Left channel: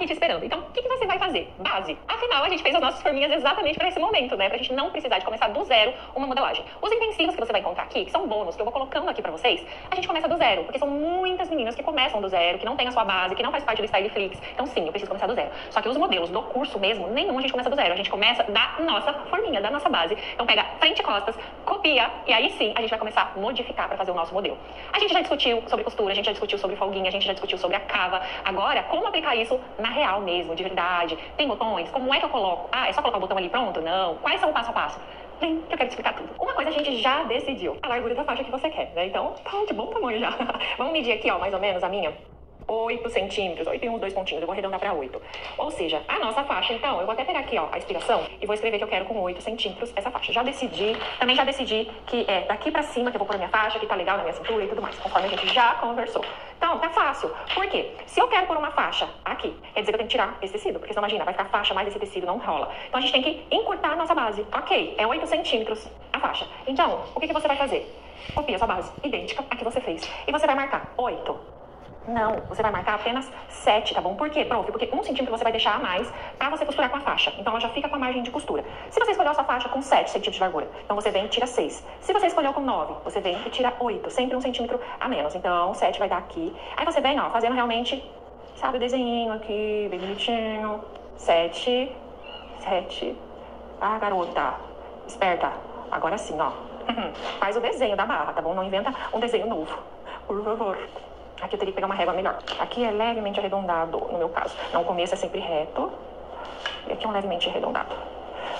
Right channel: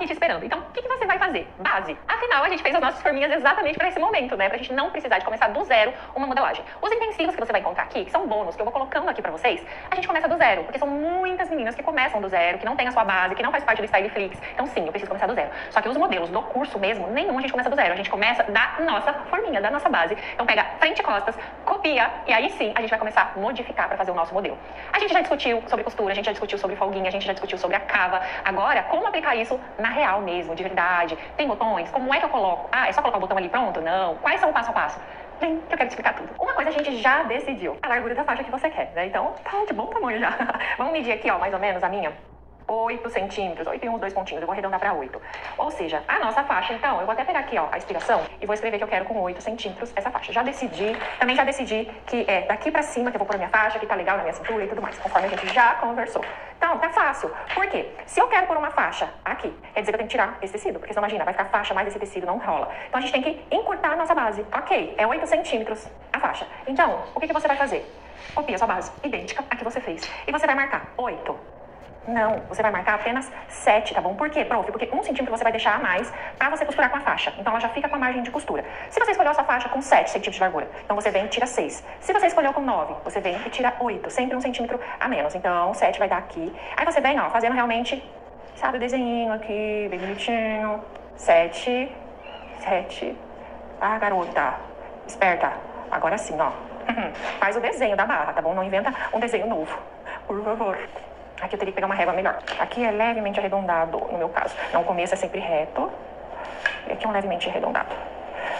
aqui te esperando. Então, o que você vai fazer? Base. Afinal, a gente fez as nossas forminhas exatamente para esse momento, né? Pra gente não precisar de começar do zero uma modelagem. Os utensílios que você vai encontrar aqui, que são bônus, que eu vou colocando aqui pra vocês, a gente começa do zero, porque são muitas meninas que começam do zero, que não tem a sua base, que não faz parte do Styleflix. Então, sim, eu preciso começar do zero. Só que os modelos do curso mesmo, nenhum a gente começa do zero. A gente começa da nossa forminha, da nossa base. Então, pega frente e costas, copia, e aí sim, a gente vai começar a modificar pra fazer o nosso modelo. A gente já discutiu sobre costura, a gente já discutiu sobre folguinha, a gente já discutiu sobre a cava. Agora, como aplicar isso na real mesmo, de verdade? Tem botões? Como é que eu coloco? Ah, é só colocar o botão ali pronto? Não. Quais são o passo a passo? Vem, que eu quero te explicar tudo. Uma coisa a gente já decidiu. A largura da faixa que você quer, né? Então, tá de bom tamanho já. Vamos medir aqui, ó, mais ou menos a minha. 8 centímetros, 8 e uns 2 pontinhos, eu vou arredondar pra 8. Ou seja, a nossa faixa, então, eu vou até pegar aqui, ó, a inspiração e vou escrever que eu quero com 8 centímetros essa faixa. Também já decidi que é daqui pra cima que eu vou pôr a minha faixa, que tá legal na minha cintura e tudo mais, conforme a gente já conversou. Então, tá fácil. Por quê? Se eu quero pôr uma faixa aqui, quer dizer que eu tenho que tirar esse tecido, porque senão, imagina, vai ficar faixa mais esse tecido, não rola. Então, a gente tem que encurtar a nossa base. Ok, é 8 centímetros a faixa. Então, o que você vai fazer? Copia a sua base, idêntica à que você fez. E você vai marcar 8. Não, você vai marcar apenas 7, tá bom? Por quê, prof? Porque 1 centímetro você vai deixar a mais pra você costurar com a faixa. Então, ela já fica com a margem de costura. Se você escolheu a sua faixa com 7 centímetros de largura, então você vem e tira 6. Se você escolheu com 9, você vem e tira 8. Sempre 1 centímetro a menos. Então, 7 vai dar aqui. Aí você vem, ó, fazendo realmente, sabe, o desenhinho aqui, bem bonitinho. 7. Ah, garota. Esperta. Agora sim, ó. Faz o desenho da barra, tá bom? Não inventa um desenho novo. Por favor. Aqui eu teria que pegar uma régua melhor. Aqui é levemente arredondado, no meu caso. Não, o começo é sempre reto. E aqui é um levemente arredondado.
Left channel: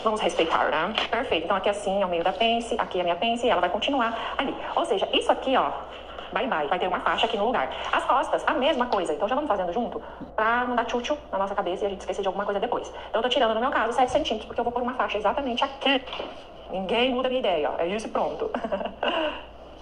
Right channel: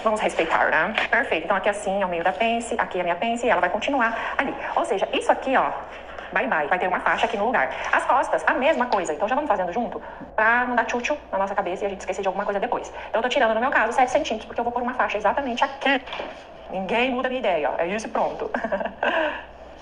Vamos respeitar, né? Perfeito. Então aqui assim é o meio da pence, aqui é a minha pence e ela vai continuar ali. Ou seja, isso aqui, ó, bye bye. Vai ter uma faixa aqui no lugar. As costas, a mesma coisa. Então já vamos fazendo junto pra não dar tchutchu na nossa cabeça e a gente esquecer de alguma coisa depois. Então eu tô tirando, no meu caso, 7 centímetros, porque eu vou pôr uma faixa exatamente aqui. Ninguém muda a minha ideia, ó. É isso e pronto.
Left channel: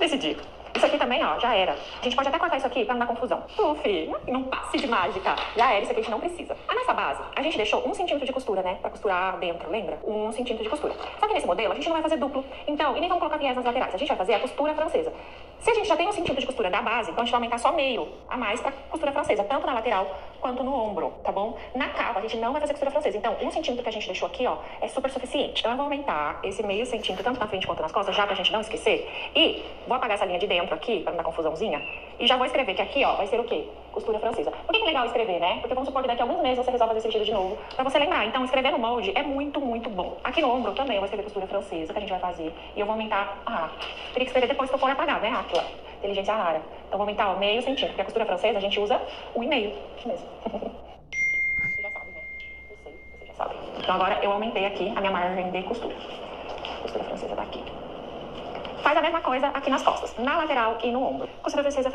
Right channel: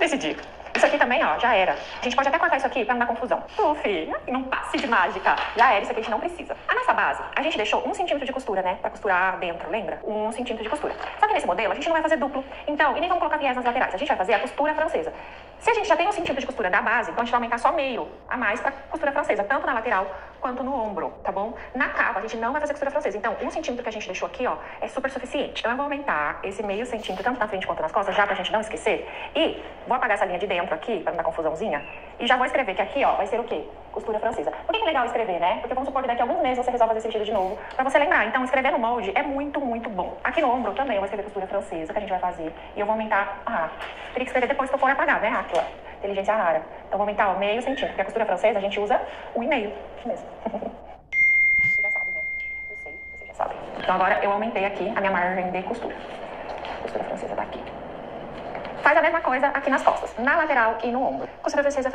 Decidi. Isso aqui também, ó, já era. A gente pode até cortar isso aqui pra não dar confusão. Puf, não passe de mágica. Já era, isso aqui a gente não precisa. A nossa base, a gente deixou 1 centímetro de costura, né? Pra costurar dentro, lembra? 1 centímetro de costura. Só que nesse modelo, a gente não vai fazer duplo. Então, e nem vamos colocar viés nas laterais. A gente vai fazer a costura francesa. Se a gente já tem 1 centímetro de costura da base, então a gente vai aumentar só meio a mais pra costura francesa. Tanto na lateral quanto no ombro, tá bom? Na cava, a gente não vai fazer costura francesa. Então, 1 centímetro que a gente deixou aqui, ó, é super suficiente. Então, eu vou aumentar esse meio centímetro, tanto na frente quanto nas costas, já pra gente não esquecer. E vou apagar essa linha de dentro aqui, pra não dar confusãozinha. E já vou escrever que aqui, ó, vai ser o quê? Costura francesa. Por que é legal escrever, né? Porque vamos supor que daqui a alguns meses você resolve fazer esse vestido de novo, pra você lembrar. Então, escrever no molde é muito, muito bom. Aqui no ombro também eu vou escrever costura francesa, que a gente vai fazer. E eu vou aumentar... Ah, teria que escrever depois que eu for apagar, né, Aquila? Inteligência rara. Então, vou aumentar, ó, meio centímetro. Porque a costura francesa a gente usa 1,5. Isso mesmo. Você já sabe, né? Eu sei, você já sabe. Então, agora eu aumentei aqui a minha margem de costura. Costura francesa tá aqui. Faz a mesma coisa aqui nas costas, na lateral e no ombro. Costura francesa,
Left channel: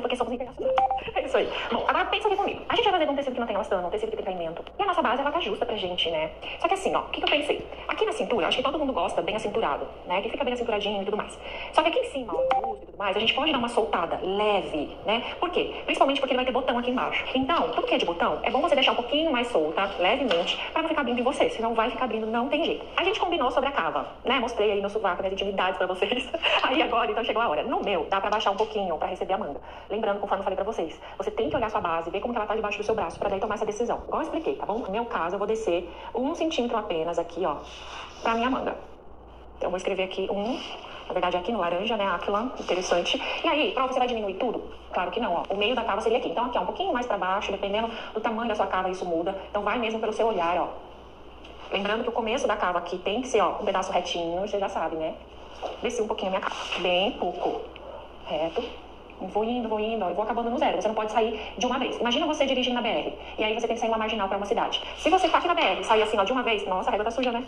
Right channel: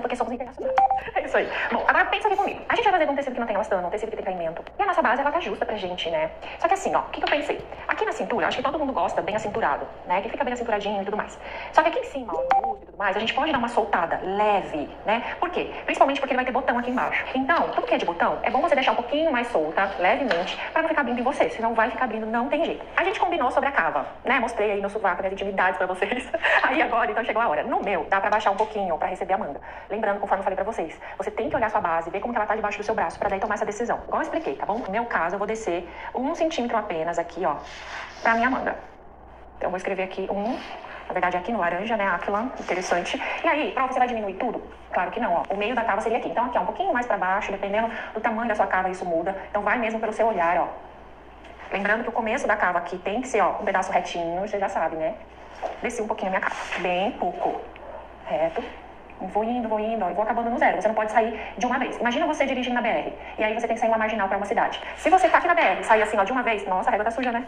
porque somos internacionais. É isso aí. Bom, agora pensa aqui comigo. A gente vai fazer com um tecido que não tem elastano, um tecido que tem caimento. E a nossa base, ela tá justa pra gente, né? Só que assim, ó, o que eu pensei? Aqui na cintura, acho que todo mundo gosta bem acinturado, né? Que fica bem acinturadinho e tudo mais. Só que aqui em cima, ó, no busto e tudo mais, a gente pode dar uma soltada leve, né? Por quê? Principalmente porque ele vai ter botão aqui embaixo. Então, tudo que é de botão, é bom você deixar um pouquinho mais solta, levemente, pra não ficar abrindo em você. Senão vai ficar abrindo, não tem jeito. A gente combinou sobre a cava, né? Mostrei aí no sovaco, minhas intimidades pra vocês. Aí agora, então chegou a hora. No meu, dá pra baixar um pouquinho pra receber a manga. Lembrando, conforme eu falei pra vocês, você tem que olhar sua base, ver como que ela tá debaixo do seu braço, pra daí tomar essa decisão. Igual eu expliquei, tá bom? No meu caso, eu vou descer 1 centímetro apenas aqui, ó, pra minha manga. Então, eu vou escrever aqui na verdade, aqui no laranja, né, Aquila, interessante. E aí, prova, você vai diminuir tudo? Claro que não, ó. O meio da cava seria aqui. Então, aqui, ó, um pouquinho mais pra baixo, dependendo do tamanho da sua cava, isso muda. Então, vai mesmo pelo seu olhar, ó. Lembrando que o começo da cava aqui tem que ser, ó, um pedaço retinho, você já sabe, né? Desci um pouquinho a minha cava, bem pouco, reto, vou indo, ó, e vou acabando no zero. Você não pode sair de uma vez. Imagina você dirigindo na BR, e aí você tem que sair uma marginal pra uma cidade. Se você tá aqui na BR e sair assim, ó, de uma vez, nossa, a régua tá suja, né?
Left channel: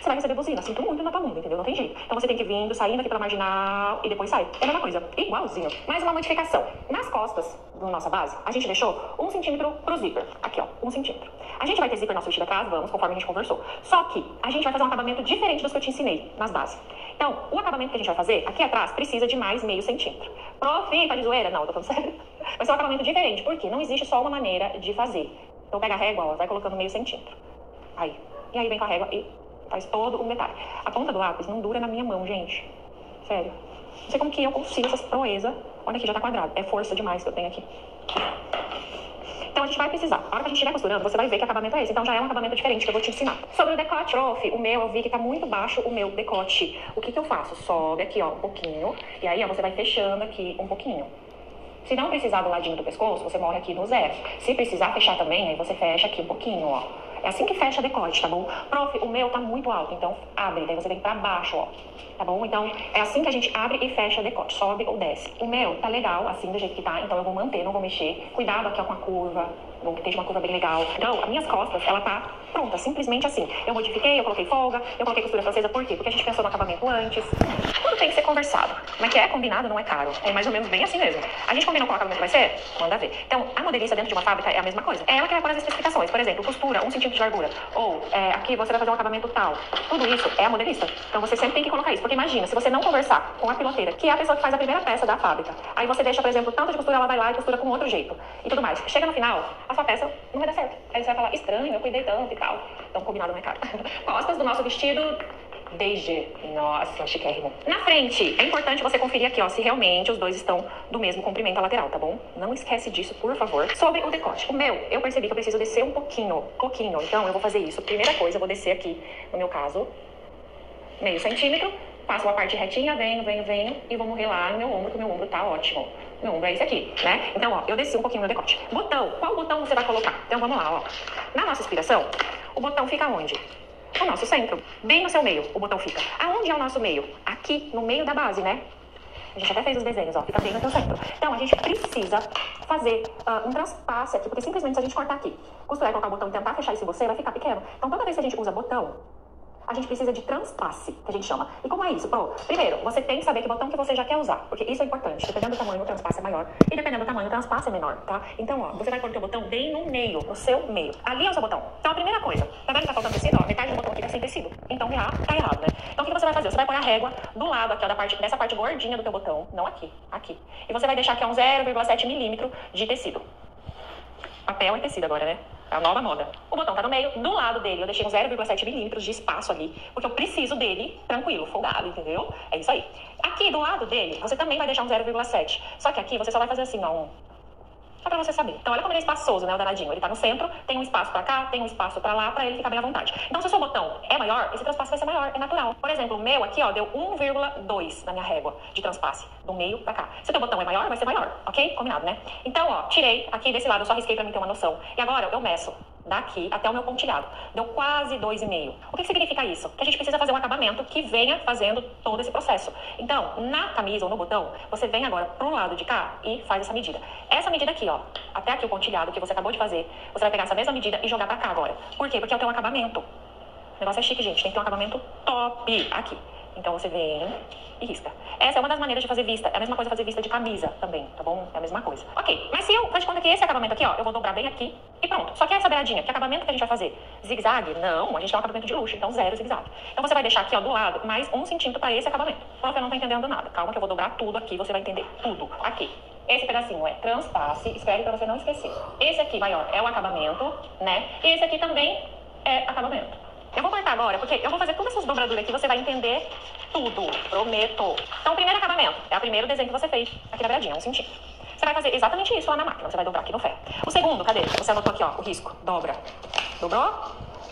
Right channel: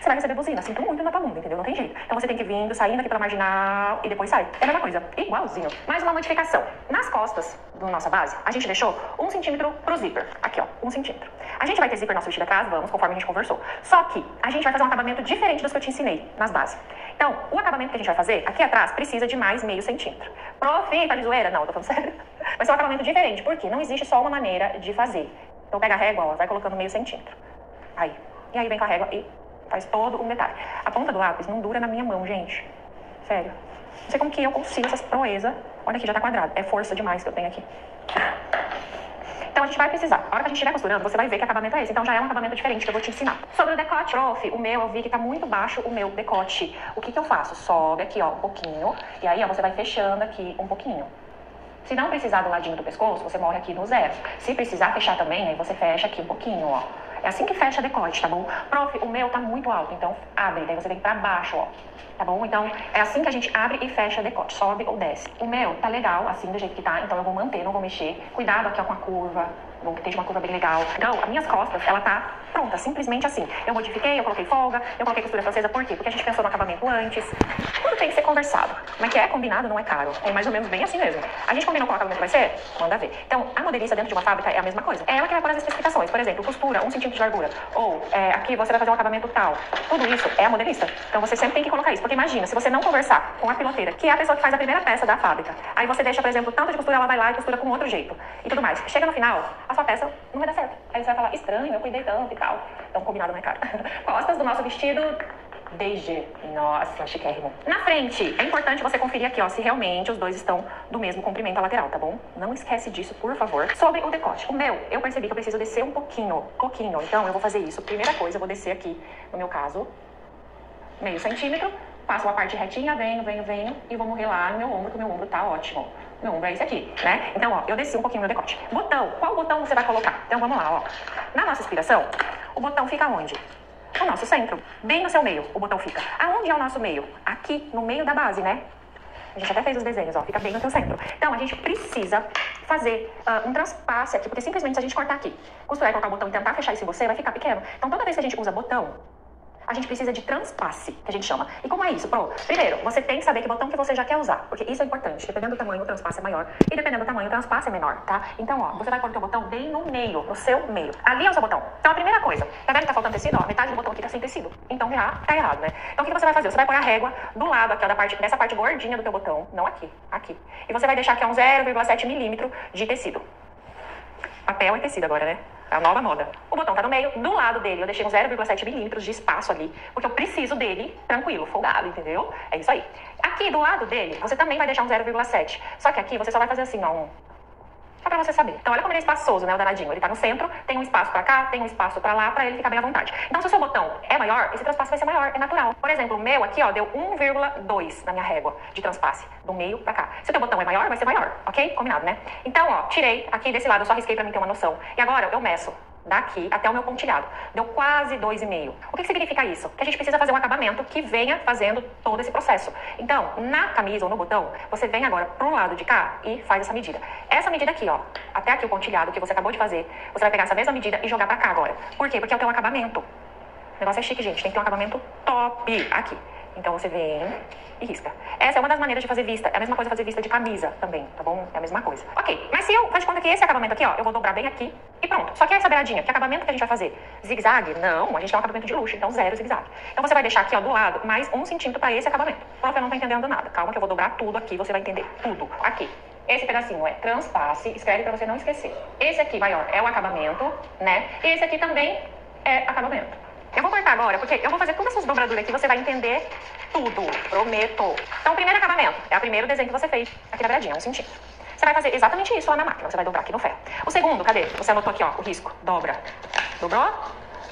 Você vai receber buzina, sinto muito na tua bunda, entendeu? Não tem jeito. Então você tem que ir vindo, saindo aqui pela marginal, e depois sai. É a mesma coisa, igualzinho. Mais uma modificação. Nas costas da nossa base, a gente deixou 1 centímetro pro zíper. Aqui, ó, 1 centímetro. A gente vai ter zíper no nosso vestido atrás, vamos, conforme a gente conversou. Só que a gente vai fazer um acabamento diferente dos que eu te ensinei nas bases. Então, o acabamento que a gente vai fazer, aqui atrás, precisa de mais meio centímetro. Prof, tá de zoeira? Não, tô falando sério. Vai ser um acabamento diferente, porque não existe só uma maneira de fazer. Então, pega a régua, ó, vai colocando meio centímetro. Aí. E aí vem com a régua e faz todo um detalhe. A ponta do lápis não dura na minha mão, gente. Sério. Não sei como que eu consigo essas proezas. Olha aqui, já tá quadrado. É força demais que eu tenho aqui. Então a gente vai precisar. A hora que a gente estiver costurando, você vai ver que acabamento é esse. Então já é um acabamento diferente que eu vou te ensinar. Sobre o decote, prof, o meu, eu vi que tá muito baixo o meu decote. O que eu faço? Sobe aqui, ó, um pouquinho. E aí, ó, você vai fechando aqui um pouquinho. Se não precisar do ladinho do pescoço, você morre aqui no 0. Se precisar fechar também, aí você fecha aqui um pouquinho, ó. É assim que fecha decote, tá bom? Prof, o meu tá muito alto, então abre, daí você vem pra baixo, ó. Tá bom? Então, é assim que a gente abre e fecha decote, sobe ou desce. O meu tá legal, assim, do jeito que tá, então eu vou manter, não vou mexer. Cuidado aqui, ó, com a curva, bom que esteja uma curva bem legal. Então, as minhas costas, ela tá pronta, simplesmente assim. Eu modifiquei, eu coloquei folga, eu coloquei costura francesa, por quê? Porque a gente pensou no acabamento antes. Tudo tem que ser conversado. Como é que é? Combinado não é caro. É mais ou menos bem assim mesmo. A gente combinou qual acabamento vai ser? Manda ver. Então, a modelista dentro de uma fábrica é a mesma coisa. É ela que vai pôr as especificações. Por exemplo, costura 1 centímetro de largura. Ou, aqui você vai fazer um acabamento tal. Tudo isso é a modelista. Então, você sempre tem que colocar isso. Porque imagina, se você não conversar com a piloteira, que é a pessoa que faz a primeira peça da fábrica, aí você deixa, por exemplo, tanto de costura, ela vai lá e costura com outro jeito. E tudo mais. Chega no final, a sua peça não vai dar certo. Aí você vai falar, estranho, eu cuidei tanto e tal. Então, combinado não é caro. Costas do nosso vestido DG. Nossa, chiquérrimo. Na frente, é importante você conferir aqui, ó, se realmente os dois estão do mesmo comprimento lateral, tá bom? Não esquece disso, por favor. Sobre o decote. O meu, eu percebi que eu preciso descer um pouquinho. Então, eu vou fazer isso. Primeira coisa, eu vou descer aqui, no meu caso, meio centímetro. Faço uma parte retinha, venho e vou morrer lá no meu ombro, que o meu ombro tá ótimo. Meu ombro é esse aqui, né? Então, ó, eu desci um pouquinho no decote. Botão. Qual botão você vai colocar? Então, vamos lá, ó. Na nossa inspiração, o botão fica onde? No nosso centro. Bem no seu meio, o botão fica. Aonde é o nosso meio? Aqui, no meio da base, né? A gente até fez os desenhos, ó. Fica bem no seu centro. Então, a gente precisa fazer um transpasse aqui, porque simplesmente se a gente cortar aqui, costurar e colocar o botão e tentar fechar isso em você, vai ficar pequeno. Então, toda vez que a gente usa botão, a gente precisa de transpasse, que a gente chama. E como é isso, Pro? Primeiro, você tem que saber que botão que você já quer usar, porque isso é importante. Dependendo do tamanho, o transpasse é maior. E dependendo do tamanho, o transpasse é menor, tá? Então, ó, você vai pôr o teu botão bem no meio, no seu meio. Ali é o seu botão. Então, a primeira coisa, tá vendo que tá faltando tecido? Ó, metade do botão aqui tá sem tecido. Então, já tá errado, né? Então, o que você vai fazer? Você vai pôr a régua do lado aqui, ó, dessa parte gordinha do teu botão. Não aqui, aqui. E você vai deixar aqui, ó, 0,7 milímetro de tecido. Papel e tecido agora, né? É a nova moda. O botão tá no meio, do lado dele eu deixei uns 0,7 milímetros de espaço ali, porque eu preciso dele tranquilo, folgado, entendeu? É isso aí. Aqui do lado dele, você também vai deixar um 0,7. Só que aqui você só vai fazer assim, ó, só pra você saber. Então olha como ele é espaçoso, né, o danadinho. Ele tá no centro, tem um espaço pra cá, tem um espaço pra lá, pra ele ficar bem à vontade. Então se o seu botão é maior, esse transpasse vai ser maior, é natural. Por exemplo, o meu aqui, ó, deu 1,2 na minha régua de transpasse, do meio pra cá. Se o teu botão é maior, vai ser maior, ok? Combinado, né? Então, ó, tirei aqui desse lado, eu só risquei pra mim ter uma noção. E agora eu meço daqui até o meu pontilhado. Deu quase 2,5. O que significa isso? Que a gente precisa fazer um acabamento que venha fazendo todo esse processo. Então, na camisa ou no botão, você vem agora pro lado de cá e faz essa medida. Essa medida aqui, ó, até aqui o pontilhado que você acabou de fazer, você vai pegar essa mesma medida e jogar pra cá agora. Por quê? Porque é o teu acabamento. O negócio é chique, gente. Tem que ter um acabamento top aqui. Então, você vem e risca. Essa é uma das maneiras de fazer vista. É a mesma coisa fazer vista de camisa também, tá bom? É a mesma coisa. Ok, mas se eu faz de conta que esse acabamento aqui, ó, eu vou dobrar bem aqui e pronto. Só que essa beiradinha, que acabamento que a gente vai fazer? Zigue-zague? Não, a gente quer um acabamento de luxo, então 0 zigue-zague. Então você vai deixar aqui, ó, do lado, mais 1 centímetro pra esse acabamento. Prof, eu não tô entendendo nada. Calma que eu vou dobrar tudo aqui, você vai entender tudo. Aqui. Esse pedacinho é transpasse, escreve pra você não esquecer. Esse aqui, vai, ó, é o acabamento, né? E esse aqui também é acabamento. Eu vou cortar agora, porque eu vou fazer todas essas dobraduras aqui, você vai entender tudo, prometo. Então, o primeiro acabamento é o primeiro desenho que você fez aqui na beiradinha, 1 centímetro. Você vai fazer exatamente isso lá na máquina, você vai dobrar aqui no ferro. O segundo, cadê? Você anotou aqui, ó, o risco, dobra. Dobrou?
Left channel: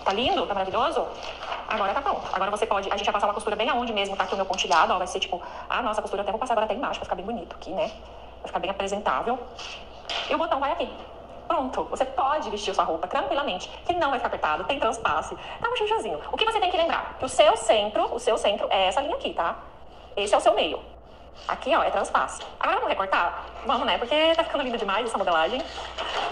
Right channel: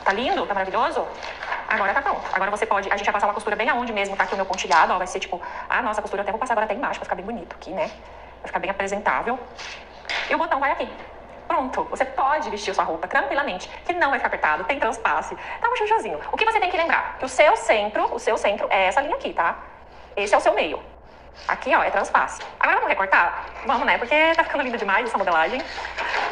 Tá lindo? Tá maravilhoso? Agora tá pronto. Agora você pode, a gente vai passar uma costura bem aonde mesmo tá aqui o meu pontilhado, ó, vai ser tipo, nossa, a costura eu até vou passar agora até embaixo, pra ficar bem bonito aqui, né? Vai ficar bem apresentável. E o botão vai aqui. Pronto, você pode vestir sua roupa tranquilamente, que não vai ficar apertado, tem transpasse, tá um chuchuzinho. O que você tem que lembrar? Que o seu centro é essa linha aqui, tá? Esse é o seu meio. Aqui, ó, é transpasse. Agora vamos recortar? Vamos, né? Porque tá ficando lindo demais essa modelagem.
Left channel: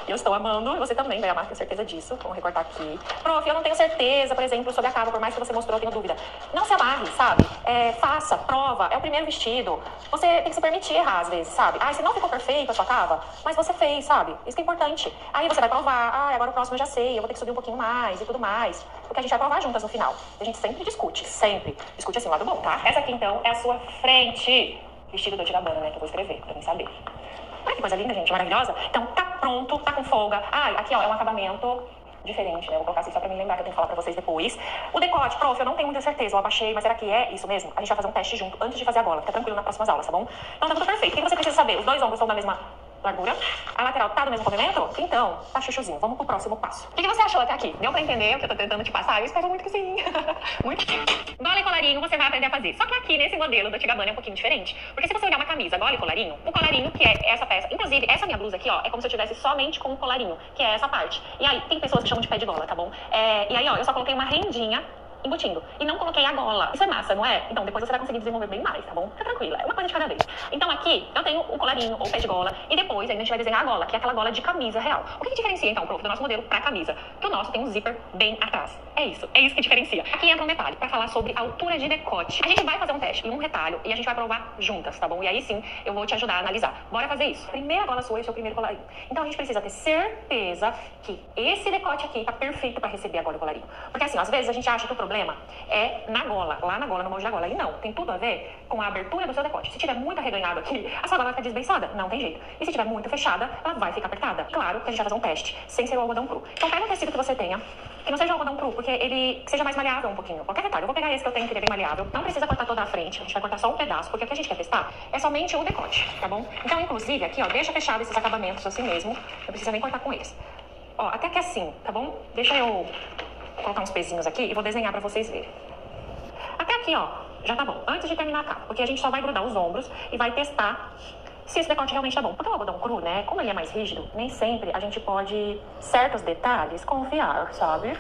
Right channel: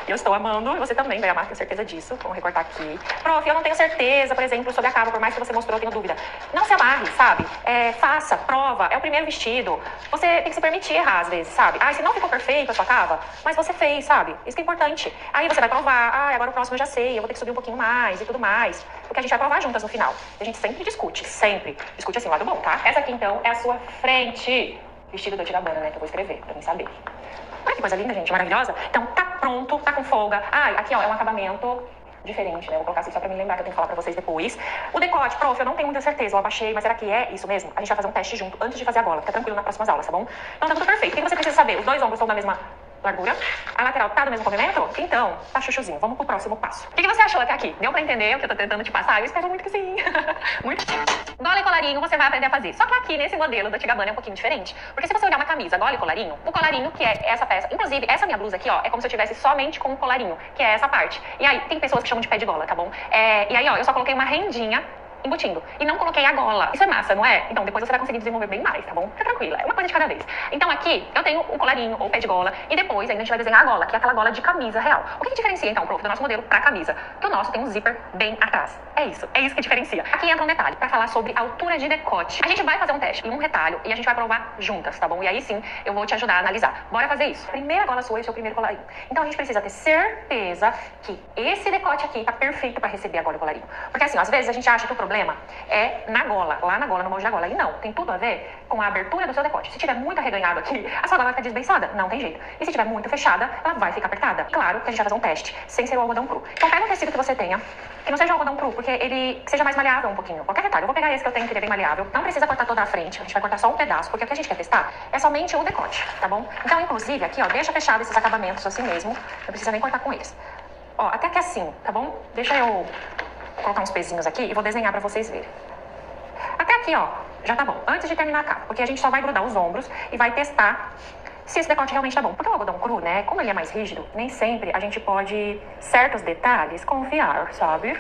Eu estou amando, e você também vai amar, tenho certeza disso. Vamos recortar aqui. Prof, eu não tenho certeza, por exemplo, sobre a cava, por mais que você mostrou, eu tenho dúvida. Não se amarre, sabe? Faça, prova, é o primeiro vestido. Você tem que se permitir errar, às vezes, sabe? Se não ficou perfeito a sua cava, mas você fez, sabe? Isso que é importante. Aí você vai provar, agora o próximo eu já sei, eu vou ter que subir um pouquinho mais e tudo mais. Porque a gente vai provar juntas no final. A gente sempre discute, sempre. Discute assim, o lado bom, tá? Essa aqui, então, é a sua frente. Vestido da Tirabana, né? Que eu vou escrever, pra mim saber. Olha que coisa linda, gente, maravilhosa. Então, tá pronto, tá com folga. Aqui, ó, é um acabamento diferente, né? Eu vou colocar assim só pra me lembrar que eu tenho que falar pra vocês depois. O decote, prof, eu não tenho muita certeza, eu abaixei, mas será que é isso mesmo? A gente vai fazer um teste junto antes de fazer a gola. Fica tranquilo nas próximas aulas, tá bom? Então tá tudo perfeito. O que você precisa saber? Os dois ombros são da mesma largura. A lateral tá do mesmo comprimento? Então, tá chuchuzinho. Vamos pro próximo passo. O que você achou até aqui? Deu pra entender o que eu tô tentando te passar? Eu espero muito que sim. Muito. Gola e colarinho você vai aprender a fazer. Só que aqui, nesse modelo da Tigabana, é um pouquinho diferente. Porque se você olhar uma camisa gola e colarinho, o colarinho, que é essa peça, inclusive, essa minha blusa aqui, ó, é como se eu tivesse somente com o colarinho, que é essa parte. E aí, tem pessoas que chamam de pé de gola, tá bom? E aí, ó, eu só coloquei uma rendinha embutindo. E não coloquei a gola. Isso é massa, não é? Então depois você vai conseguir desenvolver bem mais, tá bom? Fica tranquila, é uma coisa de cada vez. Então aqui eu tenho o colarinho ou o pé de gola e depois ainda a gente vai desenhar a gola, que é aquela gola de camisa real. O que diferencia então, prof, do nosso modelo pra camisa? Que o nosso tem um zíper bem atrás. É isso que diferencia. Aqui entra um detalhe pra falar sobre altura de decote. A gente vai fazer um teste em um retalho e a gente vai provar juntas, tá bom? E aí sim eu vou te ajudar a analisar. Bora fazer isso. Primeira gola sua e seu primeiro colarinho. Então a gente precisa ter certeza que esse decote aqui tá perfeito pra receber a gola e o colarinho. Porque assim, ó, às vezes a gente acha que o problema é na gola, lá na gola, no molde da gola. E não, tem tudo a ver com a abertura do seu decote. Se tiver muito arreganhado aqui, a sua gola vai ficar desbeiçada. Não tem jeito. E se tiver muito fechada, ela vai ficar apertada. Claro que a gente vai fazer um teste, sem ser o algodão cru. Então pega um tecido que você tenha, que não seja algodão cru, porque ele seja mais maleável um pouquinho. Qualquer detalhe, eu vou pegar esse que eu tenho, que ele é bem maleável. Não precisa cortar toda a frente, a gente vai cortar só um pedaço, porque o que a gente quer testar é somente o decote, tá bom? Então, inclusive, aqui, ó, deixa fechado esses acabamentos assim mesmo. Não precisa nem cortar com eles. Ó, até que assim, tá bom? Deixa eu colocar uns pezinhos aqui e vou desenhar pra vocês verem. Até aqui, ó, já tá bom. Antes de terminar a capa, porque a gente só vai grudar os ombros e vai testar se esse decote realmente tá bom. Porque o algodão cru, né, como ele é mais rígido, nem sempre a gente pode, certos detalhes, confiar, sabe?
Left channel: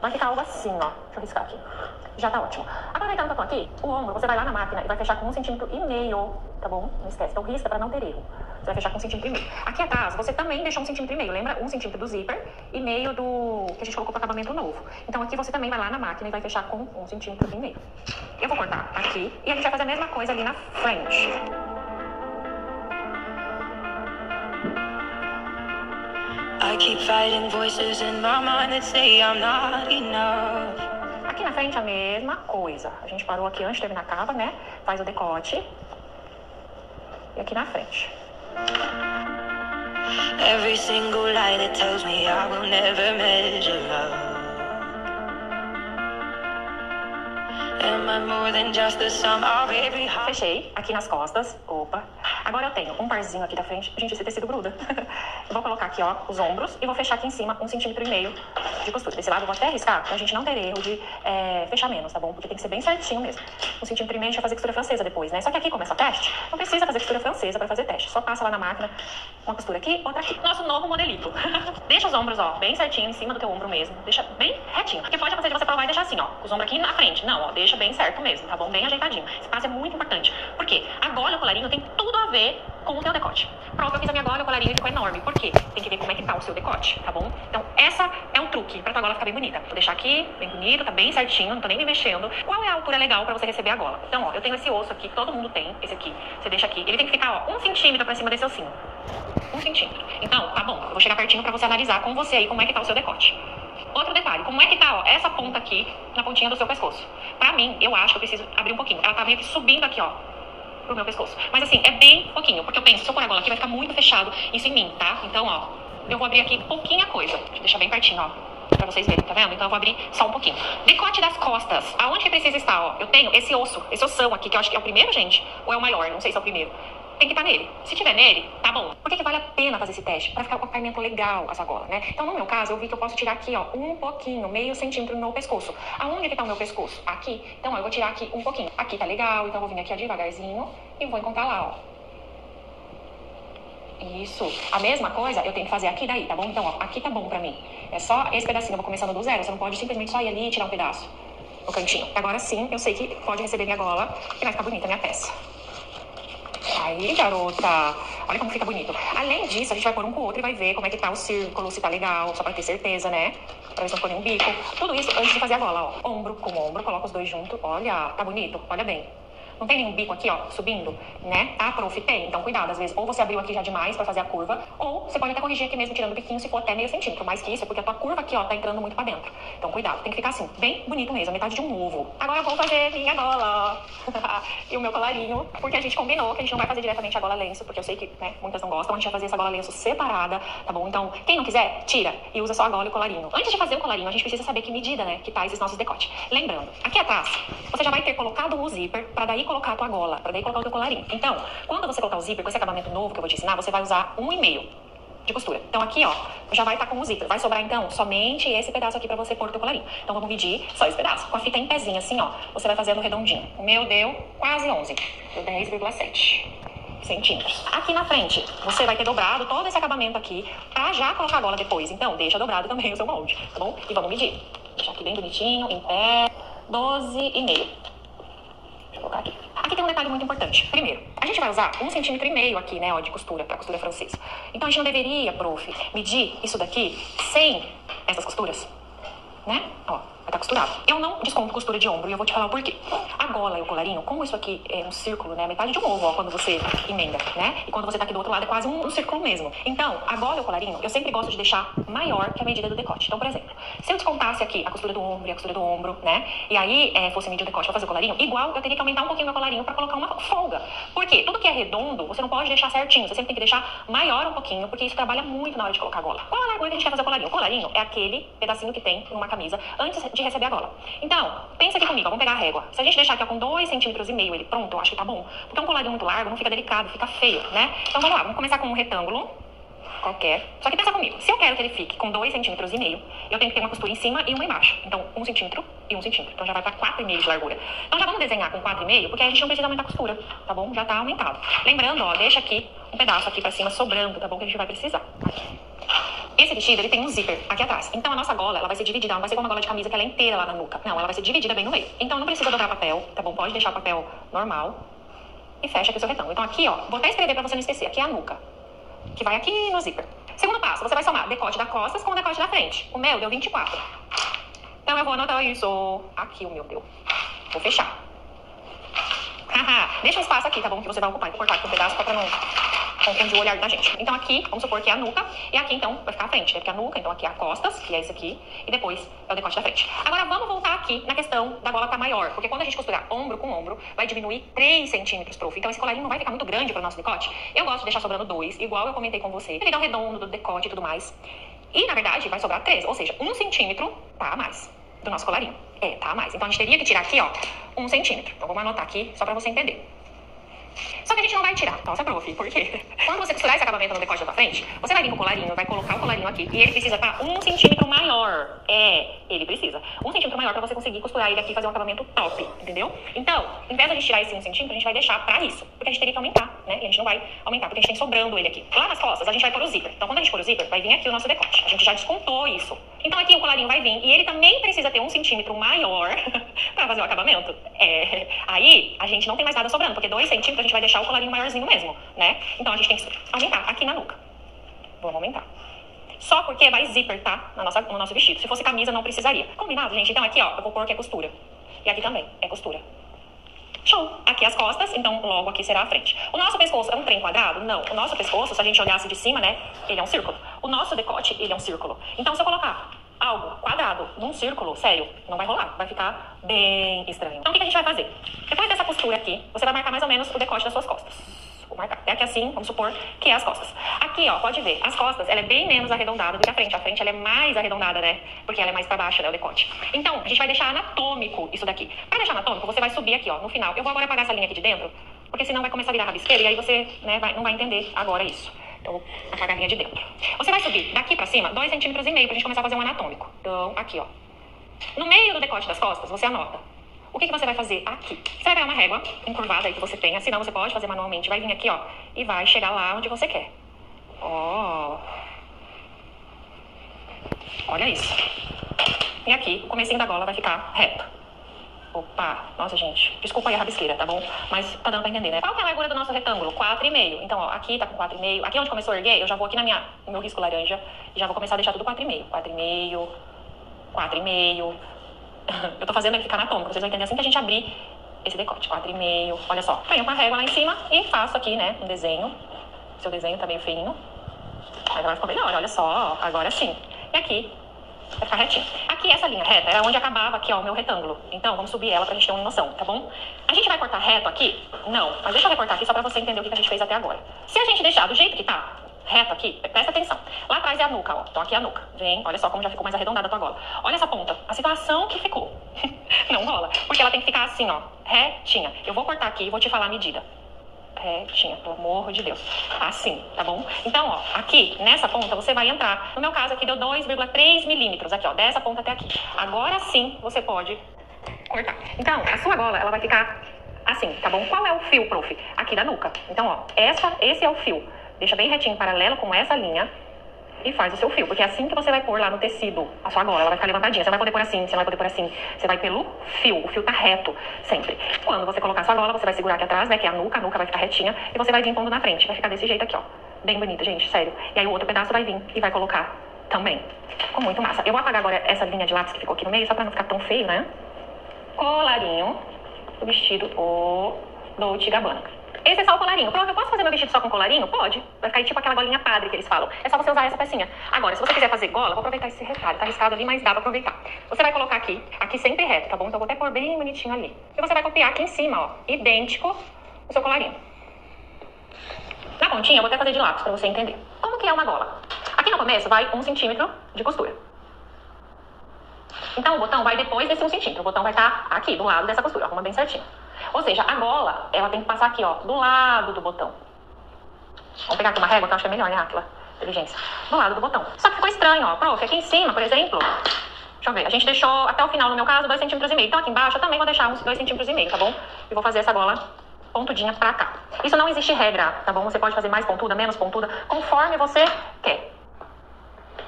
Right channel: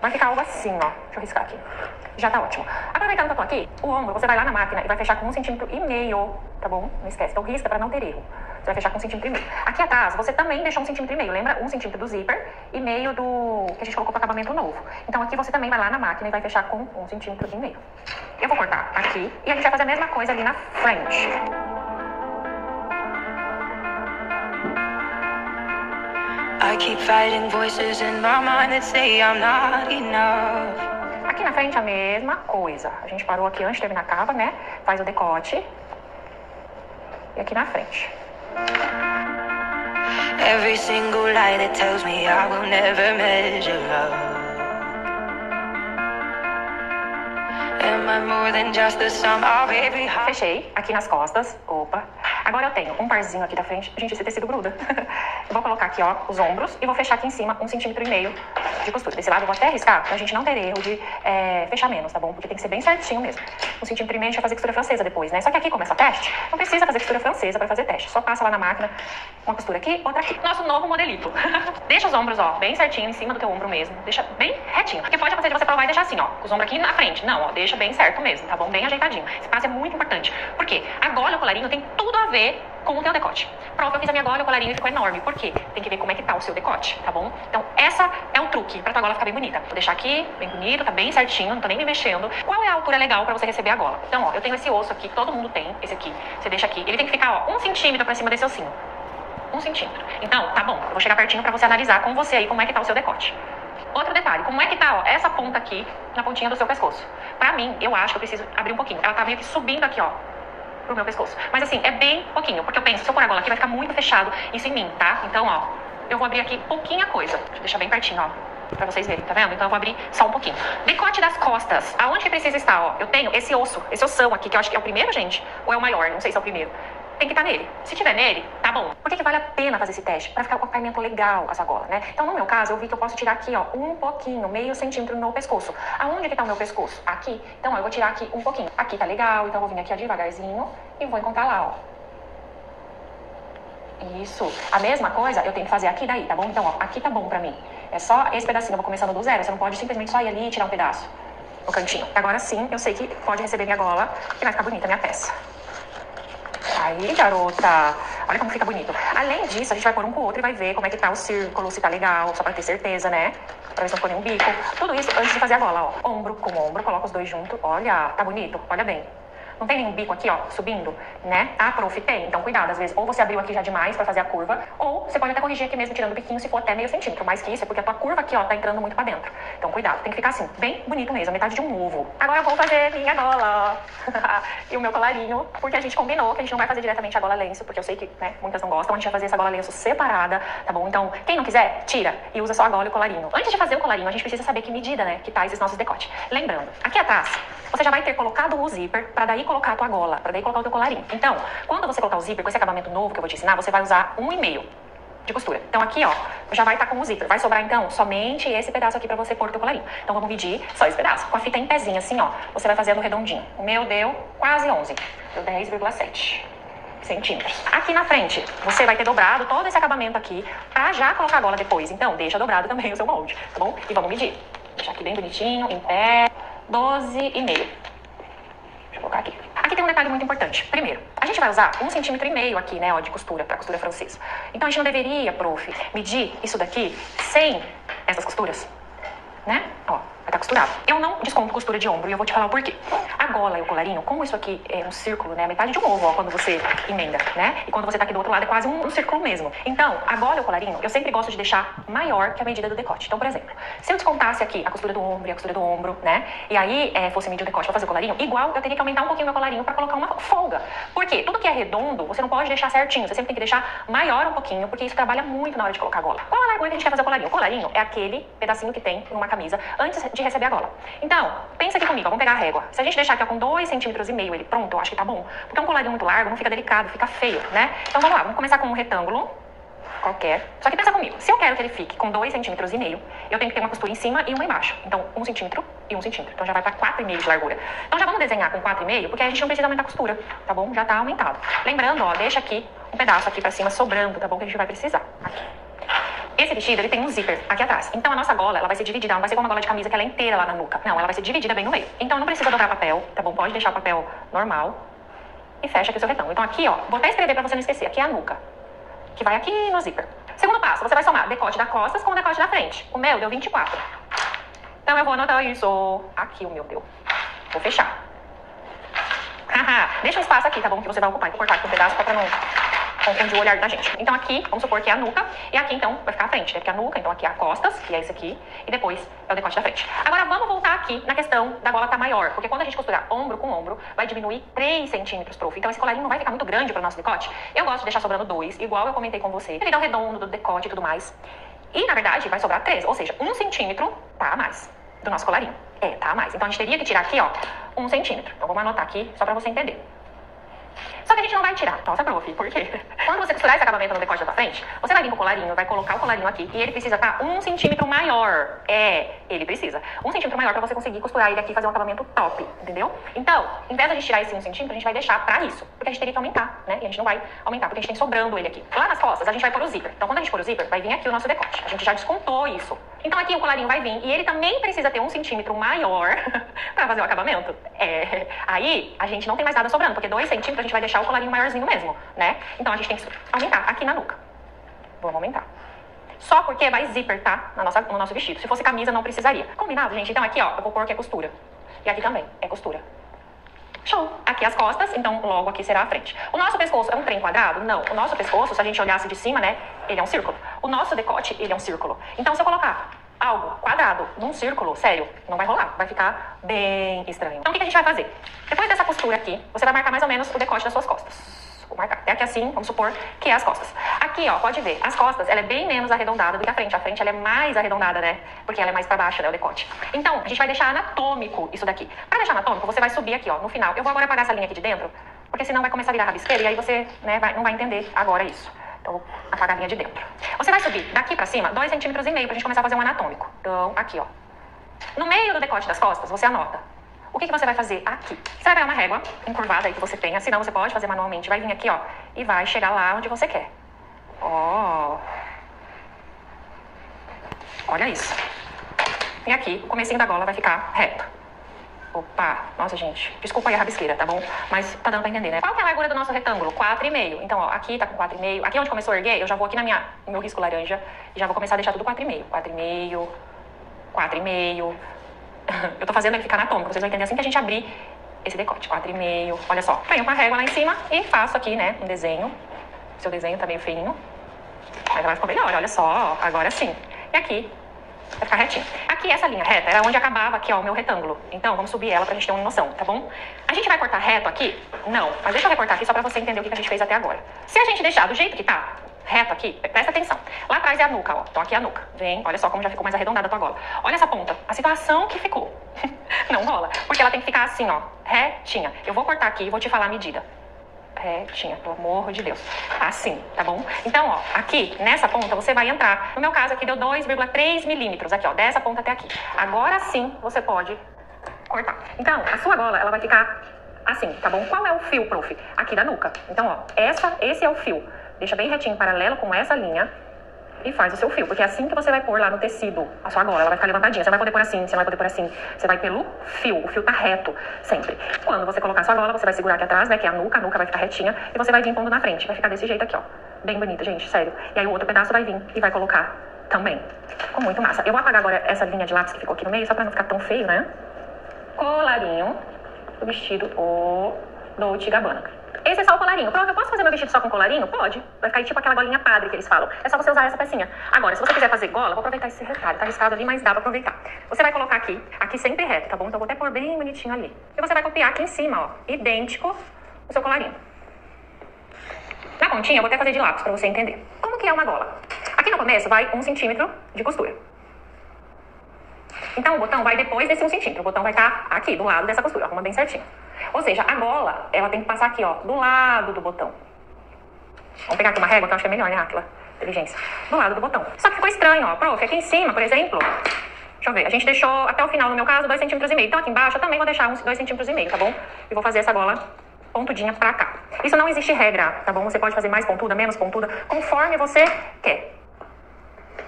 Vai ficar algo assim, ó. Deixa eu riscar aqui. Já tá ótimo. Aproveitando que eu tô aqui, o ombro, você vai lá na máquina e vai fechar com 1,5 cm, tá bom? Não esquece. Então risca pra não ter erro. Você vai fechar com 1,5 cm. Aqui atrás, você também deixou 1,5 cm. Lembra? 1 cm do zíper e meio do que a gente colocou pro acabamento novo. Então aqui você também vai lá na máquina e vai fechar com 1,5 cm. Eu vou cortar aqui e a gente vai fazer a mesma coisa ali na frente. I keep fighting voices in my mind that say I'm not enough. Aqui na frente a mesma coisa. A gente parou aqui antes de terminar a capa, né? Faz o decote. E aqui na frente. Every single lie that tells me I will never measure love. Fechei aqui nas costas. Opa. Agora eu tenho um parzinho aqui da frente. Gente, esse tecido gruda. Eu vou colocar aqui, ó, os ombros e vou fechar aqui em cima 1,5 cm de costura. Desse lado eu vou até arriscar pra gente não ter erro de fechar menos, tá bom? Porque tem que ser bem certinho mesmo. 1,5 cm a gente vai fazer costura francesa depois, né? Só que aqui começa o teste. Não precisa fazer costura francesa pra fazer teste. Só passa lá na máquina uma costura aqui, outra aqui. Nosso novo modelito. Deixa os ombros, ó, bem certinho em cima do teu ombro mesmo. Deixa bem retinho. Porque pode acontecer de você provar e deixar assim, ó, com os ombros aqui na frente. Não, ó, deixa bem certo mesmo, tá bom? Bem ajeitadinho. Esse passo é muito importante. Por quê? A gola e o colarinho tem tudo a ver com o teu decote. Pronto, eu fiz a minha gola e o colarinho ficou enorme. Por quê? Tem que ver como é que tá o seu decote, tá bom? Então, essa é o truque pra tua gola ficar bem bonita. Vou deixar aqui, bem bonito, tá bem certinho, não tô nem me mexendo. Qual é a altura legal pra você receber a gola? Então, ó, eu tenho esse osso aqui, todo mundo tem, esse aqui. Você deixa aqui, ele tem que ficar, ó, 1 cm pra cima desse ossinho. 1 cm. Então, tá bom, eu vou chegar pertinho pra você analisar com você aí como é que tá o seu decote. Outro detalhe, como é que tá, ó, essa ponta aqui na pontinha do seu pescoço? Pra mim, eu acho que eu preciso abrir um pouquinho. Ela tá meio que subindo aqui, ó, pro meu pescoço. Mas assim, é bem pouquinho, porque eu penso, se eu pôr a gola aqui, vai ficar muito fechado isso em mim, tá? Então, ó, eu vou abrir aqui pouquinha coisa. Deixa eu deixar bem pertinho, ó, pra vocês verem, tá vendo? Então eu vou abrir só um pouquinho. Decote das costas. Aonde que precisa estar, ó? Eu tenho esse osso, esse ossão aqui, que eu acho que é o primeiro, gente, ou é o maior, não sei se é o primeiro. Tem que estar nele. Se tiver nele, tá bom. Por que vale a pena fazer esse teste? Pra ficar com o acabamento legal a sua gola, né? Então, no meu caso, eu vi que eu posso tirar aqui, ó, um pouquinho, meio centímetro no meu pescoço. Aonde que tá o meu pescoço? Aqui. Então, ó, eu vou tirar aqui um pouquinho. Aqui tá legal, então eu vou vir aqui ó, devagarzinho e vou encontrar lá, ó. Isso. A mesma coisa eu tenho que fazer aqui daí, tá bom? Então, ó, aqui tá bom pra mim. É só esse pedacinho, eu vou começando do zero. Você não pode simplesmente só ir ali e tirar um pedaço no cantinho. Agora sim, eu sei que pode receber minha gola e vai ficar bonita a minha peça. Aí, garota, olha como fica bonito. Além disso, a gente vai pôr um com o outro e vai ver como é que tá o círculo, se tá legal, só pra ter certeza, né? Pra ver se não ficou nenhum bico. Tudo isso antes de fazer a gola, ó. Ombro com ombro, coloca os dois juntos. Olha, tá bonito? Olha bem. Não tem nenhum bico aqui, ó, subindo, né? Ah, prof, tem. Então, cuidado. Às vezes, ou você abriu aqui já demais pra fazer a curva, ou você pode até corrigir aqui mesmo, tirando o biquinho, se for até meio centímetro. Mais que isso, é porque a tua curva aqui, ó, tá entrando muito pra dentro. Então, cuidado. Tem que ficar assim, bem bonito mesmo, metade de um ovo. Agora eu vou fazer minha gola. e o meu colarinho, porque a gente combinou que a gente não vai fazer diretamente a gola lenço, porque eu sei que, né, muitas não gostam, a gente vai fazer essa gola lenço separada, tá bom? Então, quem não quiser, tira e usa só a gola e o colarinho. Antes de fazer o colarinho, a gente precisa saber que medida, né, que tá esses nossos decotes. Lembrando, aqui atrás, você já vai ter colocado o zíper pra daí colocar a tua gola, pra daí colocar o teu colarinho. Então, quando você colocar o zíper com esse acabamento novo que eu vou te ensinar, você vai usar 1,5 de costura. Então aqui, ó, já vai estar com o zíper. Vai sobrar, então, somente esse pedaço aqui pra você pôr o teu colarinho. Então vamos medir só esse pedaço. Com a fita em pezinho, assim, ó, você vai fazendo redondinho. O meu deu quase 11. Deu 10,7 centímetros. Aqui na frente, você vai ter dobrado todo esse acabamento aqui pra já colocar a gola depois. Então, deixa dobrado também o seu molde, tá bom? E vamos medir. Deixar aqui bem bonitinho, em pé, 12,5. Deixa eu colocar aqui. Aqui tem um detalhe muito importante. Primeiro, a gente vai usar 1,5 centímetro aqui, né, ó, de costura, pra costura francesa. Então a gente não deveria, prof, medir isso daqui sem essas costuras, né? Ó, vai estar costurado. Eu não desconto costura de ombro e eu vou te falar o porquê. A gola e o colarinho, como isso aqui é um círculo, né, metade de um ovo, ó, quando você emenda, né? E quando você tá aqui do outro lado é quase um círculo mesmo. Então, a gola e o colarinho, eu sempre gosto de deixar maior que a medida do decote. Então, por exemplo, se eu descontasse aqui a costura do ombro e a costura do ombro, né? E aí fosse medir o decote pra fazer o colarinho, igual eu teria que aumentar um pouquinho o meu colarinho pra colocar uma folga. Por quê? Tudo que é redondo, você não pode deixar certinho. Você sempre tem que deixar maior um pouquinho, porque isso trabalha muito na hora de colocar a gola. Qual a largura que a gente quer fazer o colarinho? O colarinho é aquele pedacinho que tem numa camisa antes de receber a gola. Então, pensa aqui comigo, ó, vamos pegar a régua. Se a gente deixar aqui ó, com 2,5 centímetros ele pronto, eu acho que tá bom. Porque um colarinho muito largo não fica delicado, fica feio, né? Então vamos lá, vamos começar com um retângulo qualquer. Só que pensa comigo, se eu quero que ele fique com 2,5 centímetros, eu tenho que ter uma costura em cima e uma embaixo. Então, 1 centímetro e 1 centímetro. Então já vai pra 4,5 de largura. Então já vamos desenhar com 4,5, porque a gente não precisa aumentar a costura, tá bom? Já tá aumentado. Lembrando, ó, deixa aqui um pedaço aqui pra cima sobrando, tá bom? Que a gente vai precisar. Aqui. Esse vestido, ele tem um zíper aqui atrás. Então, a nossa gola, ela vai ser dividida. Ela não vai ser como uma gola de camisa que ela é inteira lá na nuca. Não, ela vai ser dividida bem no meio. Então, não precisa dobrar papel, tá bom? Pode deixar o papel normal e fecha aqui o seu retângulo. Então, aqui, ó, vou até escrever pra você não esquecer. Aqui é a nuca, que vai aqui no zíper. Segundo passo, você vai somar decote da costas com o decote da frente. O meu deu 24. Então, eu vou anotar isso. Aqui o meu deu. Vou fechar. Deixa um espaço aqui, tá bom? Que você vai ocupar. Vou cortar aqui um pedaço pra não confundir o olhar da gente. Então aqui, vamos supor que é a nuca, e aqui então vai ficar a frente, né? Porque a nuca, então aqui é a costas, que é esse aqui, e depois é o decote da frente. Agora vamos voltar aqui na questão da gola tá maior, porque quando a gente costurar ombro com ombro, vai diminuir 3 centímetros, prof. Então esse colarinho não vai ficar muito grande para o nosso decote. Eu gosto de deixar sobrando 2, igual eu comentei com você. Ele dá o redondo do decote e tudo mais. E na verdade vai sobrar 3, ou seja, 1 centímetro tá a mais do nosso colarinho. Tá a mais. Então a gente teria que tirar aqui, ó, 1 centímetro. Então vamos anotar aqui, só pra você entender. Só que a gente não vai tirar. Nossa, prof, por quê? Quando você costurar esse acabamento no decote da tua frente, você vai vir com o colarinho, vai colocar o colarinho aqui, e ele precisa estar 1 centímetro maior. Ele precisa. 1 centímetro maior pra você conseguir costurar ele aqui e fazer um acabamento top, entendeu? Então, em vez de a gente tirar esse 1 centímetro, a gente vai deixar pra isso. Porque a gente teria que aumentar, né? E a gente não vai aumentar, porque a gente tem sobrando ele aqui. Lá nas costas, a gente vai pôr o zíper. Então, quando a gente pôr o zíper, vai vir aqui o nosso decote. A gente já descontou isso. Então, aqui o colarinho vai vir, e ele também precisa ter 1 centímetro maior pra fazer o acabamento. Aí, a gente não tem mais nada sobrando, porque 2 centímetros a gente vai deixar o colarinho maiorzinho mesmo, né? Então a gente tem que aumentar aqui na nuca. Vamos aumentar. Só porque vai zíper, tá? No nosso vestido. Se fosse camisa, não precisaria. Combinado, gente? Então aqui, ó, eu vou pôr que é costura. E aqui também é costura. Show! Aqui as costas, então logo aqui será a frente. O nosso pescoço é um trem quadrado? Não. O nosso pescoço, se a gente olhasse de cima, né? Ele é um círculo. O nosso decote, ele é um círculo. Então se eu colocar algo quadrado num círculo, sério, não vai rolar. Vai ficar bem estranho. Então o que a gente vai fazer? Depois dessa costura aqui, você vai marcar mais ou menos o decote das suas costas. Vou marcar. É aqui assim, vamos supor que é as costas. Aqui, ó, pode ver, as costas, ela é bem menos arredondada do que a frente. A frente, ela é mais arredondada, né? Porque ela é mais pra baixo, né, o decote. Então, a gente vai deixar anatômico isso daqui. Pra deixar anatômico, você vai subir aqui, ó, no final. Eu vou agora apagar essa linha aqui de dentro, porque senão vai começar a virar rabisqueira e aí você, né, não vai entender agora isso. Então, vou apagar a linha de dentro. Você vai subir daqui pra cima 2,5 centímetros pra gente começar a fazer um anatômico. Então, aqui, ó. No meio do decote das costas, você anota. O que você vai fazer aqui? Você vai pegar uma régua encurvada aí que você tenha, senão você pode fazer manualmente. Vai vir aqui, ó, e vai chegar lá onde você quer. Ó. Olha isso. E aqui, o comecinho da gola vai ficar reto. Opa, nossa, gente. Desculpa aí a rabisqueira, tá bom? Mas tá dando pra entender, né? Qual que é a largura do nosso retângulo? 4,5. Então, ó, aqui tá com 4,5. Aqui onde começou a erguer, eu já vou aqui no meu risco laranja e já vou começar a deixar tudo 4,5. 4,5. 4,5. Eu tô fazendo ele ficar anatômico. Vocês vão entender assim que a gente abrir esse decote. 4,5. Olha só. Venho com a régua lá em cima e faço aqui, né, um desenho. Seu desenho tá meio feinho. Mas vai ficar melhor, olha só. Agora sim. E aqui Vai ficar retinho. Aqui, essa linha reta era onde acabava aqui, ó, o meu retângulo. Então, vamos subir ela pra gente ter uma noção, tá bom? A gente vai cortar reto aqui? Não. Mas deixa eu recortar aqui só pra você entender o que a gente fez até agora. Se a gente deixar do jeito que tá, reto aqui, presta atenção. Lá atrás é a nuca, ó. Então aqui é a nuca. Vem, olha só como já ficou mais arredondada a tua gola. Olha essa ponta. A situação que ficou. Não rola. Porque ela tem que ficar assim, ó. Retinha. Eu vou cortar aqui e vou te falar a medida. Retinha, pelo amor de Deus. Assim, tá bom? Então, ó, aqui, nessa ponta, você vai entrar. No meu caso, aqui deu 2,3 milímetros. Aqui, ó, dessa ponta até aqui. Agora sim, você pode cortar. Então, a sua gola, ela vai ficar assim, tá bom? Qual é o fio, prof? Aqui da nuca. Então, ó, esse é o fio. Deixa bem retinho, paralelo com essa linha. E faz o seu fio, porque é assim que você vai pôr lá no tecido a sua gola, ela vai ficar levantadinha. Você não vai poder pôr assim, você não vai poder pôr assim. Você vai pelo fio, o fio tá reto, sempre. Quando você colocar a sua gola, você vai segurar aqui atrás, né, que é a nuca vai ficar retinha, e você vai vir pondo na frente. Vai ficar desse jeito aqui, ó. Bem bonito, gente, sério. E aí o outro pedaço vai vir e vai colocar também. Ficou muito massa. Eu vou apagar agora essa linha de lápis que ficou aqui no meio, só pra não ficar tão feio, né? Colarinho do vestido Dolce & Gabbana. Esse é só o colarinho. Prof, eu posso fazer meu vestido só com colarinho? Pode. Vai ficar tipo aquela golinha padre que eles falam. É só você usar essa pecinha. Agora, se você quiser fazer gola, vou aproveitar esse retalho. Tá arriscado ali, mas dá pra aproveitar. Você vai colocar aqui sempre reto, tá bom? Então eu vou até pôr bem bonitinho ali. E você vai copiar aqui em cima, ó, idêntico o seu colarinho. Na pontinha, eu vou até fazer de lápis pra você entender. Como que é uma gola? Aqui no começo vai 1 centímetro de costura. Então o botão vai depois desse 1 centímetro. O botão vai estar aqui, do lado dessa costura. Arruma bem certinho. Ou seja, a gola, ela tem que passar aqui, ó, do lado do botão. Vamos pegar aqui uma régua, que eu acho que é melhor, né, Aquila? Inteligência. Do lado do botão. Só que ficou estranho, ó. Prof, aqui em cima, por exemplo, deixa eu ver. A gente deixou até o final, no meu caso, 2,5 cm. Então aqui embaixo eu também vou deixar uns 2,5 cm, tá bom? E vou fazer essa gola pontudinha pra cá. Isso não existe regra, tá bom? Você pode fazer mais pontuda, menos pontuda, conforme você quer.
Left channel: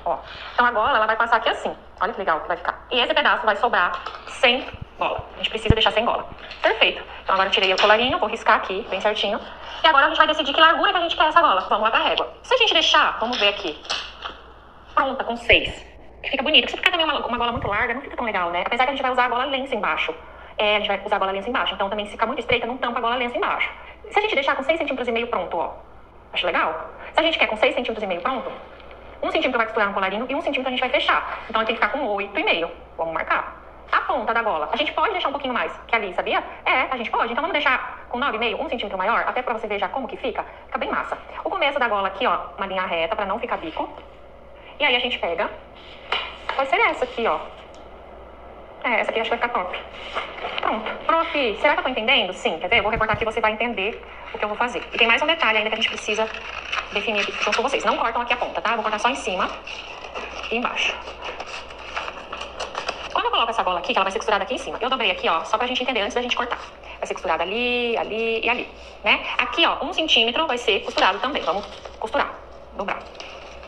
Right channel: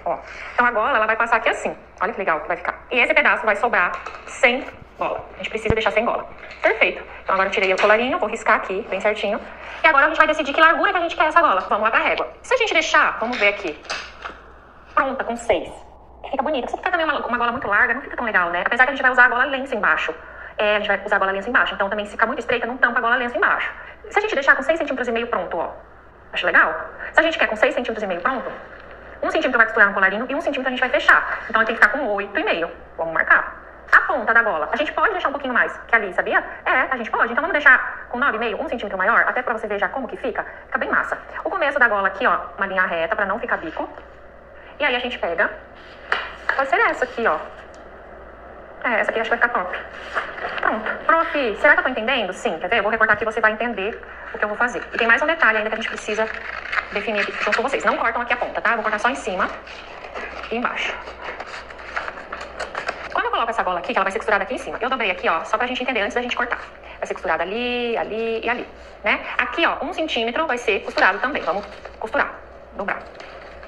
Ó. Então a gola, ela vai passar aqui assim. Olha que legal que vai ficar. E esse pedaço vai sobrar sem gola. A gente precisa deixar sem gola. Perfeito. Então agora eu tirei o colarinho, vou riscar aqui, bem certinho. E agora a gente vai decidir que largura que a gente quer essa gola. Vamos lá pra régua. Se a gente deixar, vamos ver aqui, pronta, com 6. Que fica bonito. Se ficar também uma gola muito larga, não fica tão legal, né? Apesar que a gente vai usar a gola lença embaixo. A gente vai usar a gola lença embaixo. Então também se ficar muito estreita, não tampa a gola lença embaixo. Se a gente deixar com 6,5 cm pronto, ó. Acho legal? Se a gente quer com 6,5 cm pronto, 1 centímetro vai costurar no colarinho e 1 centímetro a gente vai fechar. Então, tem que ficar com 8,5. Vamos marcar. A ponta da gola, a gente pode deixar um pouquinho mais que ali, sabia? A gente pode. Então, vamos deixar com 9,5, 1 centímetro maior, até pra você ver já como que fica. Fica bem massa. O começo da gola aqui, ó, uma linha reta pra não ficar bico. E aí, a gente pega. Pode ser essa aqui, ó. Essa aqui acho que vai ficar top. Pronto. Prof, será que eu tô entendendo? Sim, quer ver? Eu vou recortar aqui e você vai entender o que eu vou fazer. E tem mais um detalhe ainda que a gente precisa definir aqui junto com vocês. Não cortam aqui a ponta, tá? Eu vou cortar só em cima e embaixo. Quando eu coloco essa gola aqui, que ela vai ser costurada aqui em cima, eu dobrei aqui, ó, só pra gente entender antes da gente cortar. Vai ser costurada ali, ali e ali, né? Aqui, ó, 1 centímetro vai ser costurado também. Vamos costurar, dobrar.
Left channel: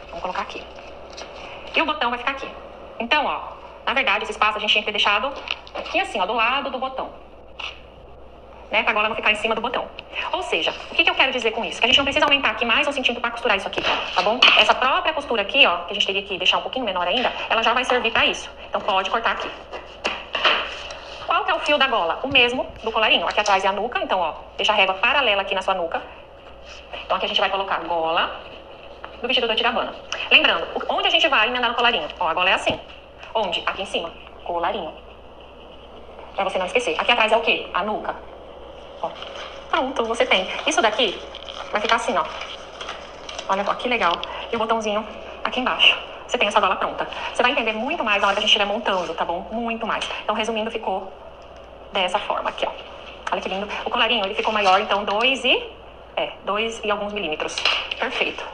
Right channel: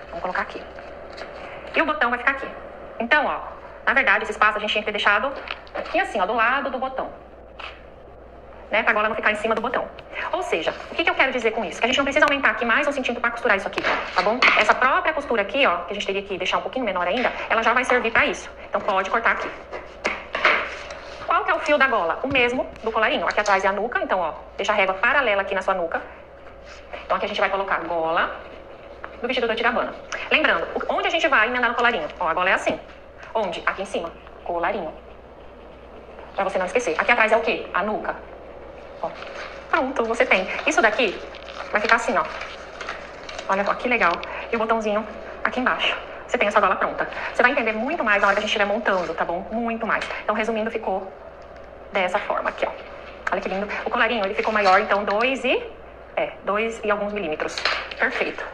Vamos colocar aqui. E o botão vai ficar aqui. Então, ó, na verdade, esse espaço a gente tinha que ter deixado aqui assim, ó, do lado do botão. Né, pra gola não ficar em cima do botão. Ou seja, o que eu quero dizer com isso? Que a gente não precisa aumentar aqui mais 1 centímetro pra costurar isso aqui, tá bom? Essa própria costura aqui, ó, que a gente teria que deixar um pouquinho menor ainda, ela já vai servir pra isso. Então pode cortar aqui. Qual que é o fio da gola? O mesmo do colarinho. Aqui atrás é a nuca, então, ó, deixa a régua paralela aqui na sua nuca. Então aqui a gente vai colocar a gola do vestido Dolce & Gabbana. Lembrando, onde a gente vai emendar no colarinho? Ó, a gola é assim. Onde? Aqui em cima. Colarinho. Pra você não esquecer. Aqui atrás é o quê? A nuca. Ó. Pronto, você tem. Isso daqui vai ficar assim, ó. Olha só, que legal. E o botãozinho aqui embaixo. Você tem essa gola pronta. Você vai entender muito mais na hora que a gente estiver montando, tá bom? Muito mais. Então, resumindo, ficou dessa forma aqui, ó. Olha que lindo. O colarinho, ele ficou maior, então 2 e alguns milímetros. Perfeito.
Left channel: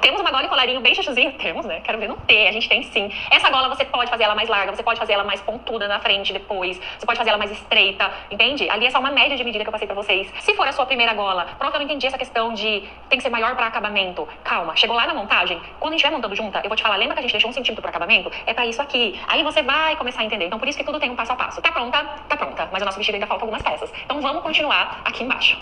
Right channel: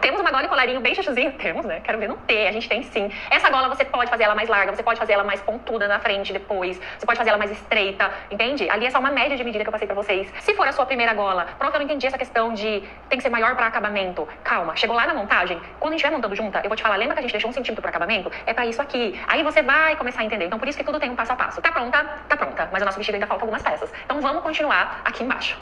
Temos uma gola e colarinho bem chuchuzinho? Temos, né? Quero ver não ter. A gente tem sim. Essa gola você pode fazer ela mais larga, você pode fazer ela mais pontuda na frente depois, você pode fazer ela mais estreita, entende? Ali é só uma média de medida que eu passei pra vocês. Se for a sua primeira gola, prof, eu não entendi essa questão de tem que ser maior pra acabamento. Calma, chegou lá na montagem, quando a gente estiver montando junta, eu vou te falar, lembra que a gente deixou 1 centímetro pra acabamento? É pra isso aqui. Aí você vai começar a entender. Então por isso que tudo tem um passo a passo. Tá pronta? Tá pronta. Mas o nosso vestido ainda falta algumas peças. Então vamos continuar aqui embaixo.